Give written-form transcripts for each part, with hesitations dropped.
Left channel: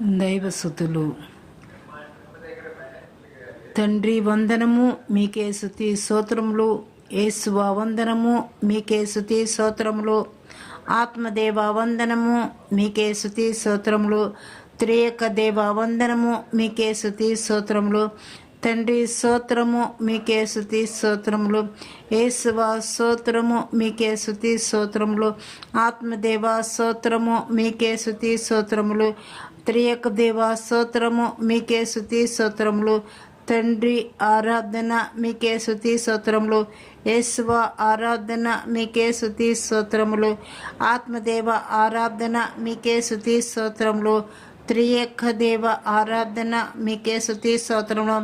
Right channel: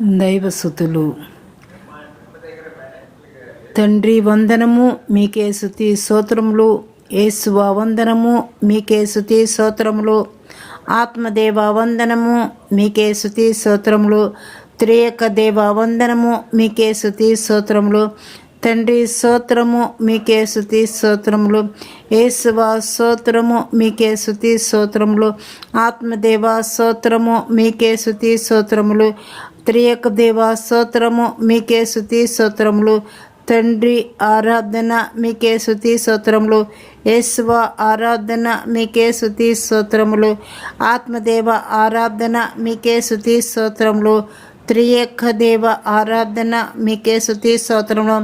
దైవసుతులు. తండ్రి వందనము, మీకే స్తుతి స్తోత్రములు. యేసువా వందనము, మీకే స్తుతి స్తోత్రములు. ఆత్మదేవ వందనము, మీకే స్తుతి స్తోత్రములు. త్రియేక దేవ వందనము, మీకే స్తుతి స్తోత్రములు. తండ్రి స్తోత్రము, మీకే స్తుతి స్తోత్రములు. యేసువా స్తోత్రము, మీకే స్తుతి స్తోత్రములు. ఆత్మదేవ స్తోత్రము, మీకే స్తుతి స్తోత్రములు. త్రియేక దేవ స్తోత్రము, మీకే స్తుతి స్తోత్రములు. తండ్రి ఆరాధన, మీకే స్తుతి స్తోత్రములు. యేసువా ఆరాధన, మీకే స్తుతి స్తోత్రములు. ఆత్మదేవ ఆరాధన, మీకే స్తుతి స్తోత్రములు. త్రియేక దేవ ఆరాధన, మీకే స్తుతి స్తోత్రములు.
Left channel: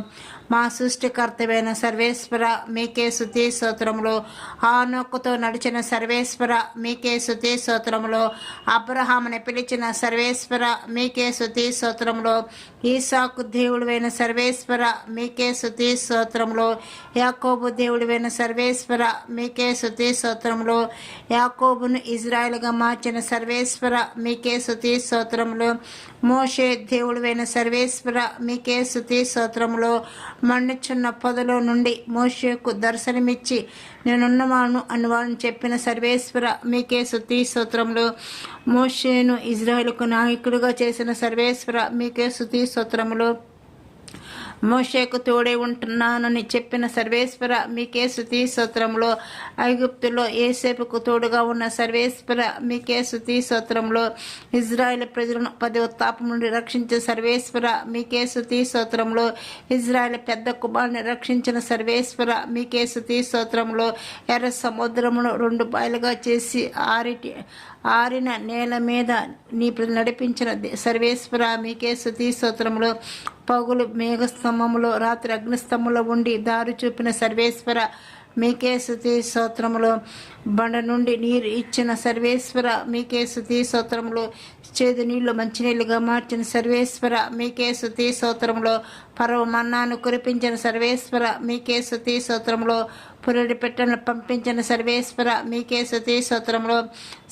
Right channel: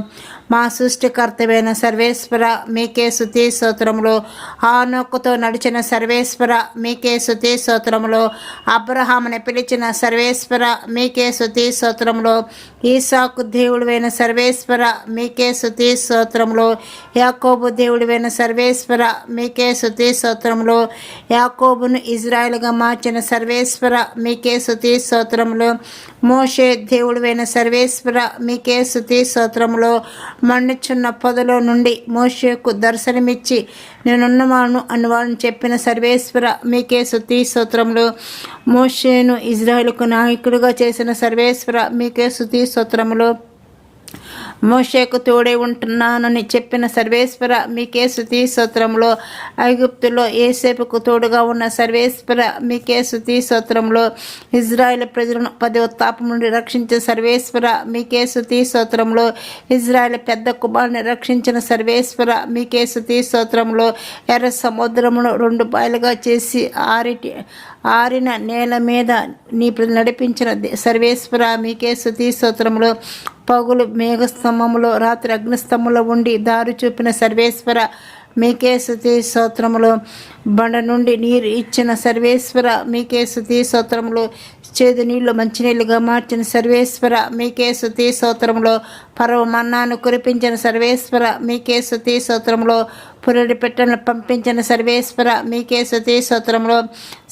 మా సృష్టికర్తమైన సర్వేశ్వర, మీకే స్తుతి స్తోత్రములు. హానోకుతో నడిచిన సర్వేశ్వర, మీకే స్తుతి స్తోత్రములు. అబ్రహాముని పిలిచిన సర్వేశ్వర, మీకే స్తుతి స్తోత్రములు. ఈసాకు దేవుడివైన సర్వేశ్వర, మీకే స్తుతి స్తోత్రములు. యాకోబు దేవుడివైన సర్వేశ్వర, మీకే స్తుతి స్తోత్రములు. యాకోబును ఇజ్రాయెలుగా మార్చిన సర్వేశ్వర, మీకే స్తుతి స్తోత్రములు. మోషే దేవుడివైన సర్వేశ్వర, మీకే స్తుతి స్తోత్రములు. మండుచున్న పొదలో నుండి మోషేకు దర్శనమిచ్చి నేనున్నవాను అని వాళ్ళని చెప్పిన సర్వేశ్వర, మీకే స్తుతి స్తోత్రములు. మోషేను ఇజ్రాయెలుకు నాయకుడిగా చేసిన సర్వేశ్వర, మీకే స్తుతి స్తోత్రములు. మోషేకు తోడే ఉంటున్నానని చెప్పిన సర్వేశ్వర, మీకే స్తుతి స్తోత్రములు. ఐగుప్తులో యోసేపుకు తోడుగా ఉన్న సర్వేశ్వర, మీకే స్తుతి స్తోత్రములు. ఇజ్రాయెల్ ప్రజలను 10వ తాపం నుండి రక్షించే సర్వేశ్వర, మీకే స్తుతి స్తోత్రములు. ఇజ్రాయెల్ పెద్ద కుమారుని రక్షించిన సర్వేశ్వర, మీకే స్తుతి స్తోత్రములు. ఎర్ర సముద్రమును 2 పాయలుగా చేసి ఆరిన నేల మీద నీ ప్రజలు నడిపించిన సర్వేశ్వర, మీకే స్తుతి స్తోత్రములు. పగులు మేఘస్తంభములో, రాత్రి అగ్నిస్తంభంలో ఉండి దారి చూపిన సర్వేశ్వర, మీకే స్తుతి స్తోత్రములు. బండ నుండి నీరు ఇచ్చిన సర్వేశ్వర, మీకే స్తుతి స్తోత్రములు. చేదు నీళ్లు మంచినీళ్ళుగా మార్చిన సర్వేశ్వర, మీకే స్తుతి స్తోత్రములు. పరవ మన్నాను కురిపించిన సర్వేశ్వర, మీకే స్తుతి స్తోత్రములు. పురడి పెట్టలను పంపించిన సర్వేశ్వర, మీకే స్తుతి స్తోత్రములు.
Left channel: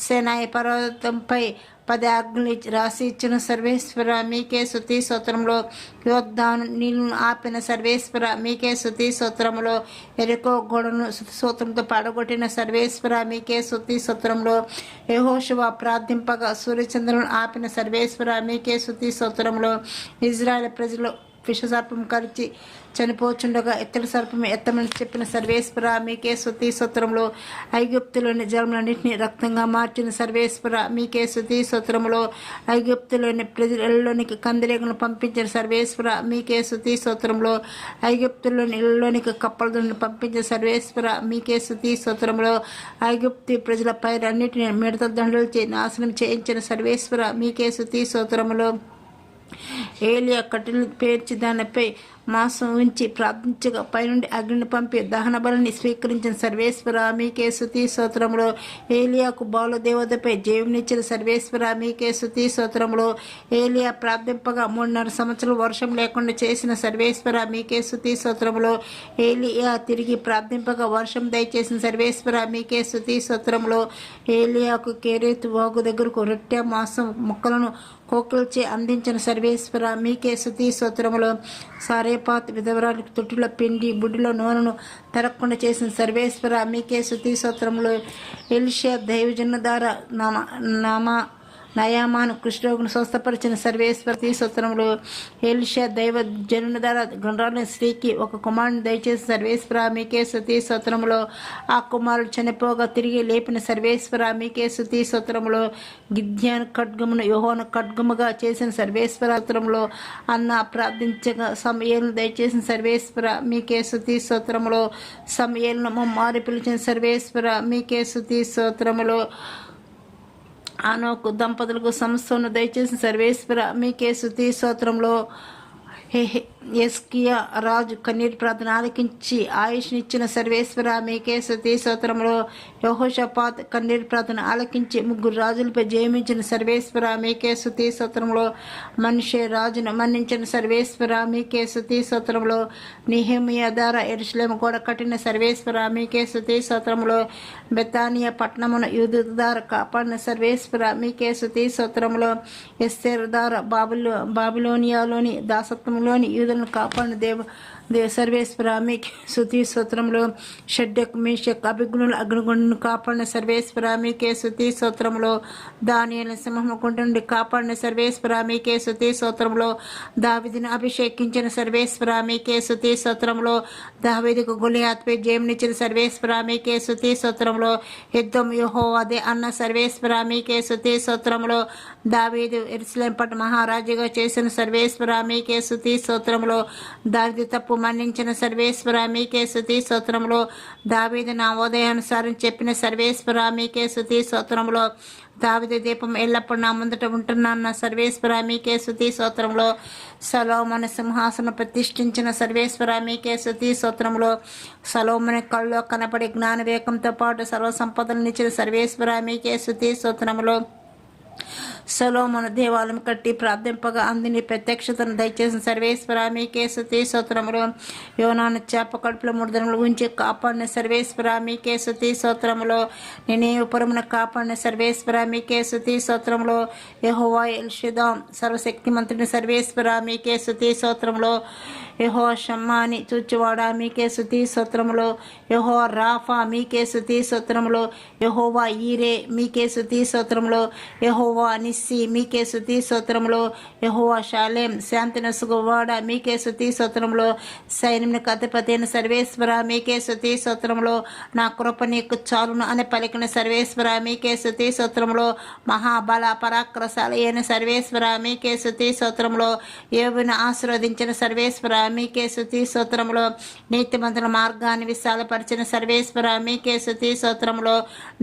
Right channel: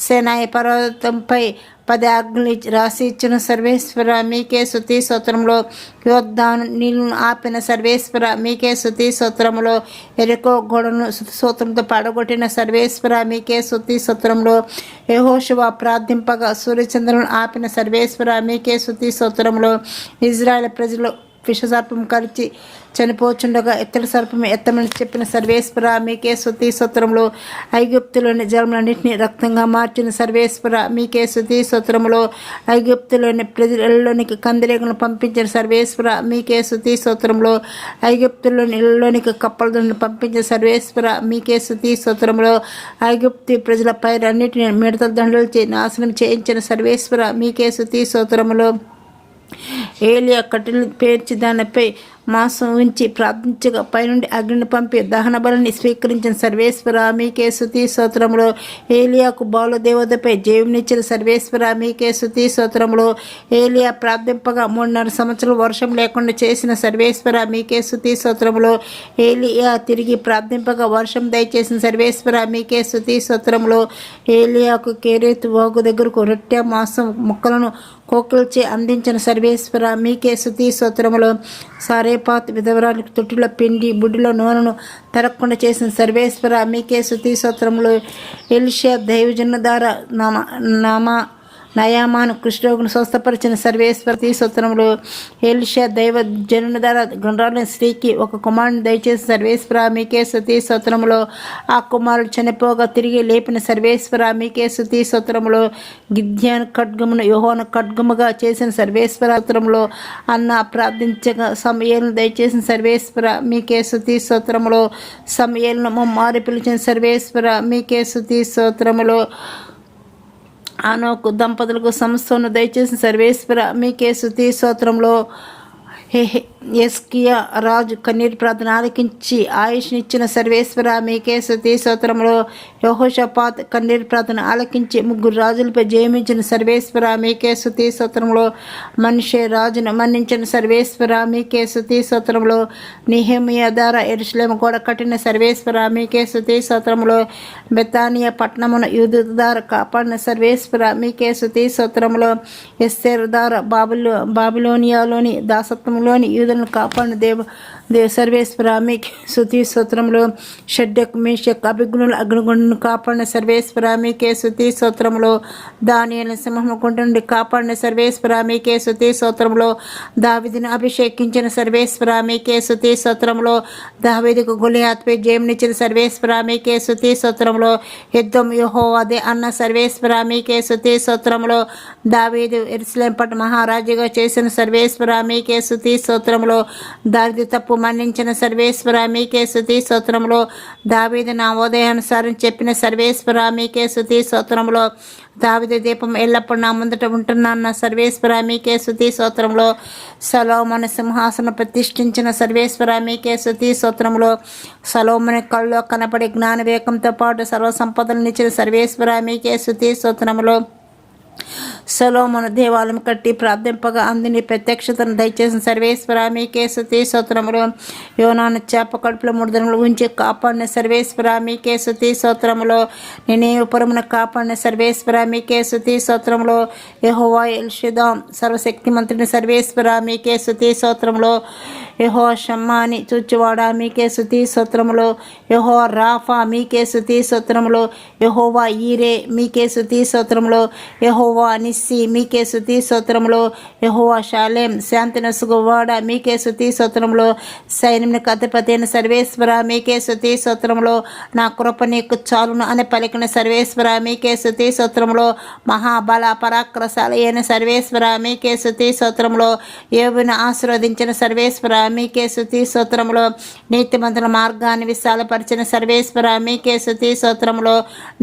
సేనాయి పర్వతంపై 10 ఆజ్ఞలు రాసి ఇచ్చిన సర్వేశ్వర, మీకే స్తుతి స్తోత్రములు. యోర్దాను నీళ్లను ఆపిన సర్వేశ్వర, మీకే స్తుతి స్తోత్రములు. ఎరికో గోడను స్తోత్రంతో పడగొట్టిన సర్వేశ్వర, మీకే స్తుతి స్తోత్రములు. యెహోషువ ప్రార్థింపగా సూర్యచంద్రులను ఆపిన సర్వేశ్వర, మీకే స్తుతి స్తోత్రములు. ఇజ్రాయెల్ ప్రజలు విషసర్పం కరిచి చనిపోచుండగా ఎత్తడి సర్పం ఎత్తమని చెప్పిన సర్వేశ్వర, మీకే స్తుతి స్తోత్రములు. ఐగుప్తులోని జలములన్నింటినీ రక్తంగా మార్చిన సర్వేశ్వర, మీకే స్తుతి స్తోత్రములు. ఐగుప్తులోని ప్రజలలోనికి కందిరేగులను పంపించిన సర్వేశ్వర, మీకే స్తుతి స్తోత్రములు. ఐగుప్తులోని ఇళ్లలోనికి కప్పలను పంపించిన సర్వేశ్వర, మీకే స్తుతి స్తోత్రములు. ఐగుప్తు ప్రజల పైరన్నిటిని మిడతల దండలు నాశనం చేయించిన సర్వేశ్వర, మీకే స్తుతి స్తోత్రములు. ఏలియా కట్టెలు పేర్చి దానిపై మాంసం ఉంచి ప్రార్థించగా పైనుండి అగ్నిని పంపి దహన బలిని స్వీకరించిన సర్వేశ్వర, మీకే స్తుతి స్తోత్రములు. ఏలియాకు బాలు దేవతపై జీవనిచ్చిన సర్వేశ్వర, మీకే స్తుతి స్తోత్రములు. ఏలియా ప్రార్థింపగా 3.5 సంవత్సరాలు వర్షం లేకుండా చేసిన సర్వేశ్వర, మీకే స్తుతి స్తోత్రములు. ఏలియా తిరిగి ప్రార్థింపగా వర్షం దయచేసిన సర్వేశ్వర, మీకే స్తుతి స్తోత్రములు. ఏలియాకు కేరేతు వాగు దగ్గరకు రొట్టె మాంసం ముక్కలను కోకిల్చి అందించిన సర్వేశ్వర, మీకే స్తుతి స్తోత్రములు. సారేపాత్ విధవరానికి తొట్టిలో పిండి బుడ్డిలో నూనెను తరగకుండా చేసిన సర్వేశ్వర, మీకే స్తుతి స్తోత్రములు. ఎలీషా దైవజనుల ద్వారా నయామాను కృష్ణరోగును స్వస్థపరిచిన సర్వేశ్వర, స్తోత్రములు. ఎలీషా దైవ జనుని ద్వారా గుండ్రాలని స్త్రీకి ఒక కుమారుని దయచేసిన సర్వేశ్వర, మీకే స్తుతి స్తోత్రములు. ఆ కుమారుడు చనిపోగా తిరిగి లేపిన సర్వేశ్వర, మీకే స్తుతి స్తోత్రములు. గిద్యోను ఖడ్గమును యెహోవా ఖడ్గముగా చేసిన సర్వేశ్వర, స్తోత్రములు. అన్న ప్రార్థించగా సమూయేలును దయచేసిన సర్వేశ్వర, మీకే స్తుతి స్తోత్రములు. సమూయేలును మారి పిలిచిన సర్వేశ్వర, మీకే స్తుతి స్తోత్రములు. హనోకు దంపతులకు సంస్థను దయచేసిన సర్వేశ్వర, మీకే స్తుతి స్తోత్రములు. ఎస్కియా రాజు కన్నీటి ప్రార్థన ఆలకించి ఆయుష్నిచ్చిన సర్వేశ్వర మీకే స్తుతి స్తోత్రములు. యెహోషాపాత్ కన్నీటి ప్రార్థన ఆలకించి 3 రాజులపై జయమించిన సర్వేశ్వర మీకే స్తుతి స్తోత్రములు. మనిషే రాజును మన్నించిన సర్వేశ్వర మీకే స్తుతి స్తోత్రములు. నెహెమీయా ద్వారా యెరూషలేము గోడ కట్టిన సర్వేశ్వర మీకే స్తుతి స్తోత్రములు. బెతానియా పట్టణమును యూదుల ద్వారా కాపాడిన సర్వేశ్వర మీకే స్తుతి స్తోత్రములు. ఎస్తేరు ద్వారా బాబిలోనియాలోని దాసత్వంలోని యూదులను కాపాడిన సర్వేశ్వర మీకే స్తుతి స్తోత్రములు. షడ్డక్ మేషక్ అభిజ్ఞుల అగ్నిగుండను కాపాడిన సర్వేశ్వర మీకే స్తుతి స్తోత్రములు. దానియేలును సింహము గుంట నుండి కాపాడిన సర్వేశ్వర మీకే స్తుతి స్తోత్రములు. దావీదును అభిషేకించిన సర్వేశ్వర మీకే స్తుతి స్తోత్రములు. దావీదుకు గొలియాతుపై జయమునిచ్చిన సర్వేశ్వర మీకే స్తుతి స్తోత్రములు. యుద్ధం యెహోవాదే అన్న సర్వేశ్వర మీకే స్తుతి స్తోత్రములు. దావీదు యెరూషలేము పట్ల మహారాజుగా చేసిన సర్వేశ్వర మీకే స్తుతి స్తోత్రములు. దావీదు తప్పు మన్నించిన సర్వేశ్వర మీకే స్తుతి స్తోత్రములు. దావీదు నా ఉదయానుసారం చెప్పిన సర్వేశ్వర మీకే స్తుతి స్తోత్రములు. దావీదు దీపం ఎల్లప్పుడు నా ముందట ఉంటున్న సర్వేశ్వర మీకే స్తుతి స్తోత్రములు. సొలొమోను సింహాసనం ప్రతిష్ఠించిన సర్వేశ్వర మీకే స్తుతి స్తోత్రములు. సొలొమోను కళ్ళలో కనపడే జ్ఞాన వివేకంతో పాటు సర్వ సంపదలనిచ్చిన సర్వేశ్వర మీకే స్తుతి స్తోత్రములు. సొలొమోను దేవాలయం కట్టి ప్రార్థింపగా అందుని ప్రత్యక్షతను దయచేసిన సర్వేశ్వర మీకే స్తుతి స్తోత్రములు. యోనాను చేప కడుపులో 3 దినములు ఉంచి కాపాడిన సర్వేశ్వర మీకే స్తుతి స్తోత్రములు. నినేవె పురమును కాపాడిన సర్వేశ్వర మీకే స్తుతి స్తోత్రములు. యెహోవా ఎల్ షదాం సర్వశక్తిమంతుని సర్వేశ్వర మీకే స్తుతి స్తోత్రములు. యెహోవా షమ్మాని చూచువాడా మీకే స్తుతి స్తోత్రములు. యెహోవా రాఫా మీకే స్తుతి స్తోత్రములు. యెహోవా ఈరే మీకే స్తుతి స్తోత్రములు. యెహోవా నిస్సి మీకే స్తుతి స్తోత్రములు. యెహోవా షాలేం శాంతి నసుగువాడ మీకే స్తుతి స్తోత్రములు. సైన్యమునకు అధిపతి అయిన సర్వేశ్వర మీకే స్తుతి స్తోత్రములు. నా కృప నీకు చాలును అని పలికిన సర్వేశ్వర మీకే స్తుతి స్తోత్రములు. మహాబల పరాక్రమశాలి అయిన సర్వేశ్వర మీకే స్తుతి స్తోత్రములు. యోబును ఆశీర్వదించిన సర్వేశ్వర మీకే స్తుతి స్తోత్రములు. నీతిమంతుల మార్గాన్ని విశాలపరిచిన సర్వేశ్వర మీకే స్తుతి స్తోత్రములు.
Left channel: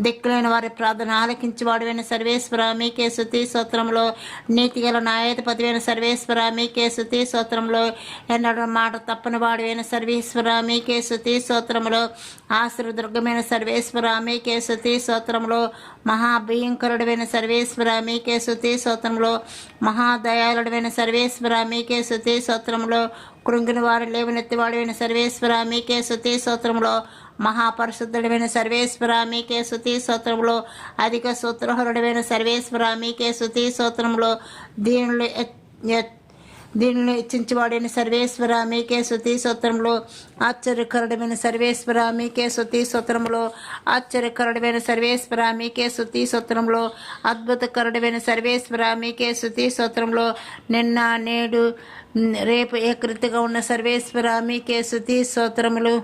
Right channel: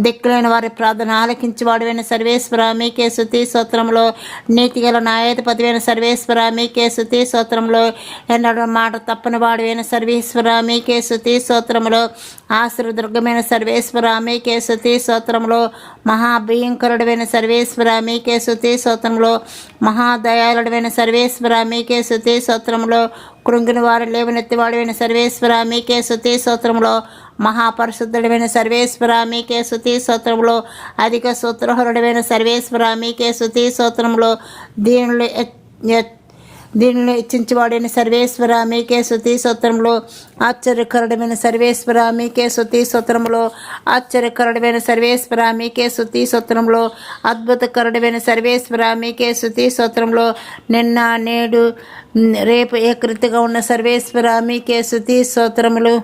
దిక్కులేని వారి ప్రార్థన ఆలకించి వాడువైన సర్వేశ్వర మీకే స్తుతి స్తోత్రములు. నీతిగల న్యాయాధిపతివైన సర్వేశ్వర మీకే స్తుతి స్తోత్రములు. ఎన్నడూ మాట తప్పని వాడువైన సర్వేశ్వర మీకే స్తుతి స్తోత్రములు. ఆశీర్వదుర్గమైన సర్వేశ్వర మీకే స్తుతి స్తోత్రములు. మహాభయంకరుడైన సర్వేశ్వర మీకే స్తుతి స్తోత్రములు. మహాదయాళుడైన సర్వేశ్వర మీకే స్తుతి స్తోత్రములు. కృంగిన వారు లేవనెత్తివాడైన సర్వేశ్వర మీకే స్తుతి స్తోత్రములు. మహాపరిశుద్ధుడైన సర్వేశ్వర మీకే స్తుతి స్తోత్రములు. అధిక సూత్రహరుడైన సర్వేశ్వర మీకే స్తుతి స్తోత్రములు. దీనిని హెచ్చించబడిన సర్వేశ్వర మీకే స్తుతి స్తోత్రములు. ఆశ్చర్యకరుడమైన సర్వేశ్వర మీకే స్తుతి స్తోత్రములు. ఆశ్చర్యకరుడమైన సర్వేశ్వర మీకే స్తుతి స్తోత్రములు. అద్భుతకరుడమైన సర్వేశ్వర మీకే స్తుతి స్తోత్రములు. నిన్న నేడు రేపు ఏకరీతిగా ఉన్న సర్వేశ్వర మీకే స్తుతి స్తోత్రములు.